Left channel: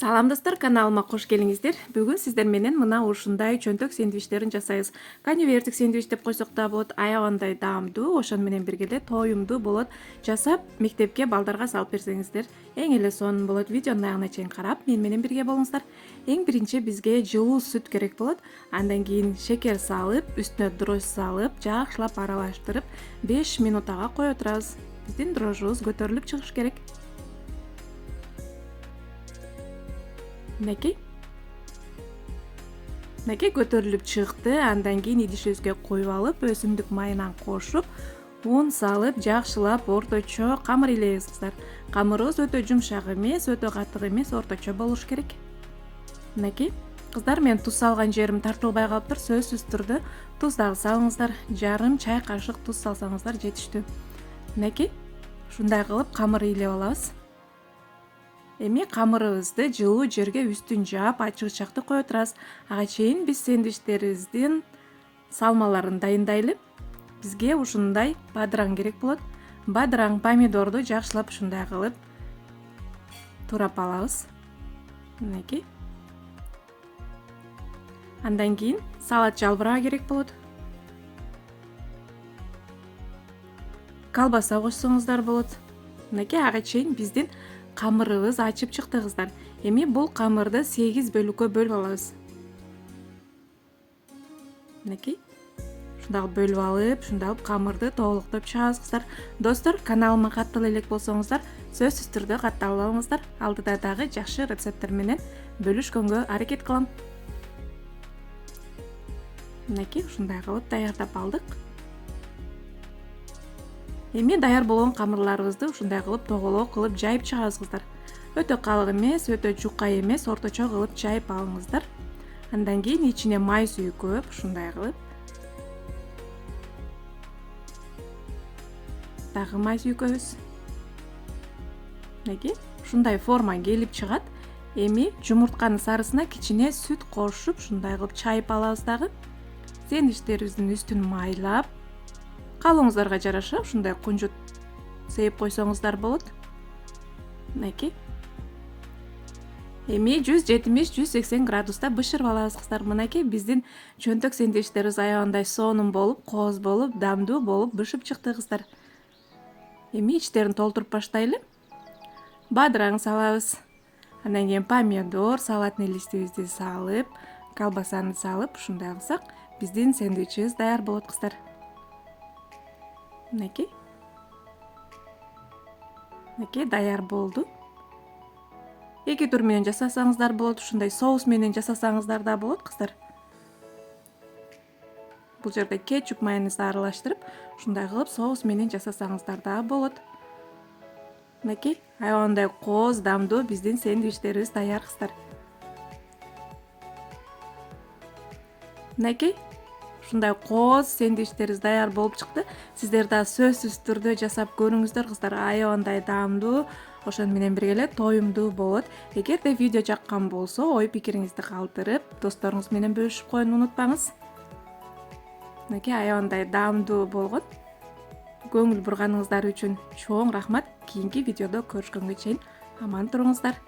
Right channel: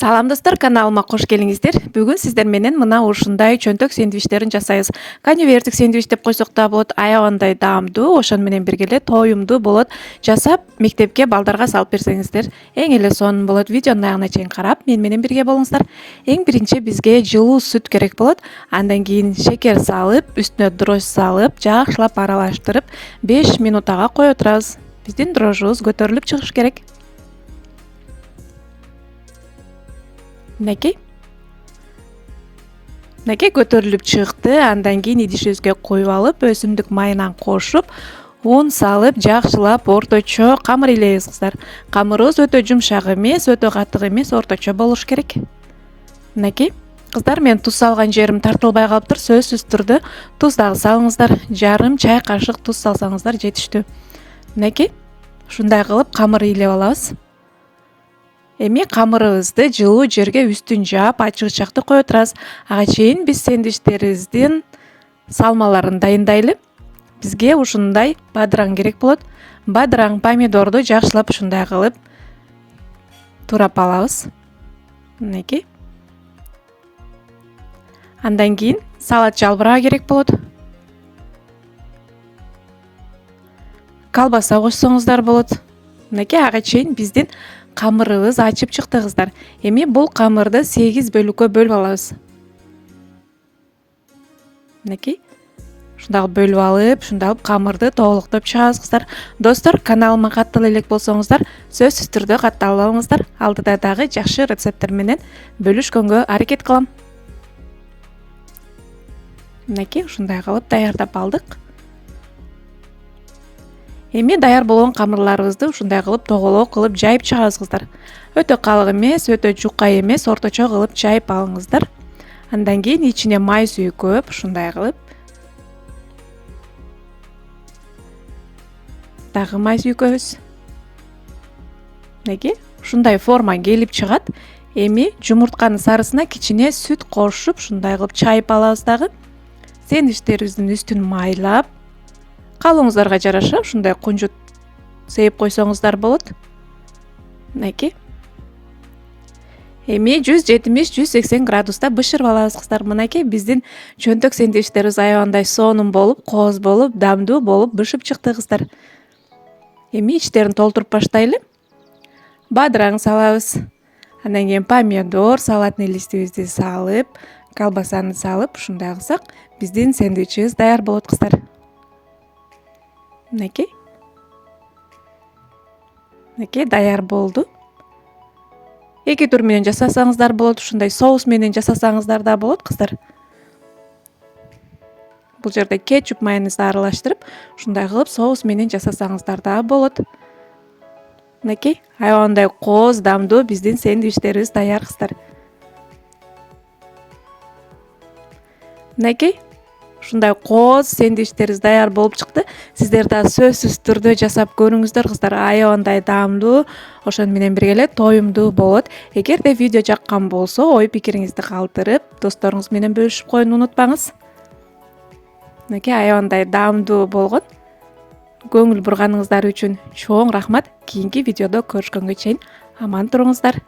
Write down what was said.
Салам достор, каналыма кош келиңиздер. Бүгүн сиздер менен мына ушундай чөнтөк сэндвичтерин жасайбыз. Конвертик сэндвич деп койсок да болот, аябагандай даамдуу, ошону менен бирге эле тоюмдуу болот. Жасап мектепке балдарга салып берсеңиздер эң эле сонун болот. Видеонун аягына чейин карап, мен менен бирге болуңуздар. Эң биринчи бизге жылуу сүт керек болот. Андан кийин шекер салып, үстүнө дрожь салып, жакшылап аралаштырып 5 минут ага коюп турабыз. Биздин дрожжубуз көтөрүлүп чыгыш керек. Мынакей көтөрүлүп чыкты. Андан кийин идишибизге куюп алып, өсүмдүк майынан кошуп, un салып, жакшылап орточо камыр илейбиз кыздар. Камырыбыз өтө жумшак эмес, өтө катык эмес, орточо болуш керек. Мынакей кыздар, мен туз салган жерим тартылбай калыптыр. Сөзсүз түрдө туз дагы салыңыздар. Жарым чай кашык туз салсаңыздар жетиштүү. Мынакей ушундай кылып камыр илеп алабыз. Эми камырыбызды жылуу жерге үстүн жаап, ачык ычакты коюп турабыз. Ага чейин биз сэндвичтерибиздин салмаларын дайындайлы. Бизге ушундай бадыраң керек болот. Бадыраң помидорду жакшылап ушундай кылып турап алабыз. Мынакей. Андан кийин салат жалбырагы керек болот. Колбаса кошсоңуздар болот. Мынакей ага чейин биздин камырыбыз ачып чыкты кыздар. Эми бул камырды 8 бөлүккө бөлүп алабыз. Мынакей ушундай бөлүп алып, ушундай камырды толуктоп чыгабыз кыздар. Достор, каналыма каттал элек болсоңуздар, сөзсүз түрдө катталып алыңыздар. Алдыда дагы жакшы рецепттер менен бөлүшкөнгө аракет кылам. Мынакей ушундай кылып даярдап алдык. Эми даяр болгон камырларыбызды ушундай кылып тоголок кылып жайып чыгабыз кыздар. Өтө калың эмес, өтө жука эмес, орточо кылып жайып алыңыздар. Андан кийин ичине май сүйкөп, ушундай кылып дагы май сүйкөбүз. Мынакей ушундай форма келип чыгат. Эми жумуртканын сарысына кичине сүт кошуп, ушундай кылып чайып алабыз дагы. Сэндвичтерибиздин үстүн майлап, калооңуздарга жараша ушундай кунжут сээп койсоңуздар болот. Мынакей. Эми 170-180 градуста бышырып алабыз кыздар. Мынакей биздин чөнтөк сэндвичтерибиз аябагандай сонун болуп, кооз болуп, дамдуу болуп бышып чыкты кыздар. Эми ичтерин толтуруп баштайлы. Бадыраң салабыз. Андан кийин помидор, салатный листибизди салып, колбасаны салып, ушундай кылсак, биздин сэндвичибиз даяр болот кыздар. Мынакей даяр болду. Эки тур менен жасасаңыздар болот, ушундай соус менен жасасаңыздар да болот кыздар. Бул жерде кетчуп, майонезди аралаштырып, ушундай кылып соус менен жасасаңыздар да болот. Мынакей аябагандай кооз, дамдуу биздин сэндвичтерибиз даяр кыздар. Мынакей ушундай кооз сэндвичтерибиз даяр болуп чыкты. Сиздер да сөзсүз түрдө жасап көрүңүздөр кыздар. Аябагандай даамдуу, ошону менен бирге эле тоюмдуу болот. Эгерде видео жаккан болсо, ой пикириңизди калтырып, досторуңуз менен бөлүшүп коюуну унутпаңыз. Мынакей аябагандай даамдуу болгон. Көңүл бурганыңыздар үчүн чоң рахмат. Кийинки видеодо көрүшкөнгө чейин аман туруңуздар.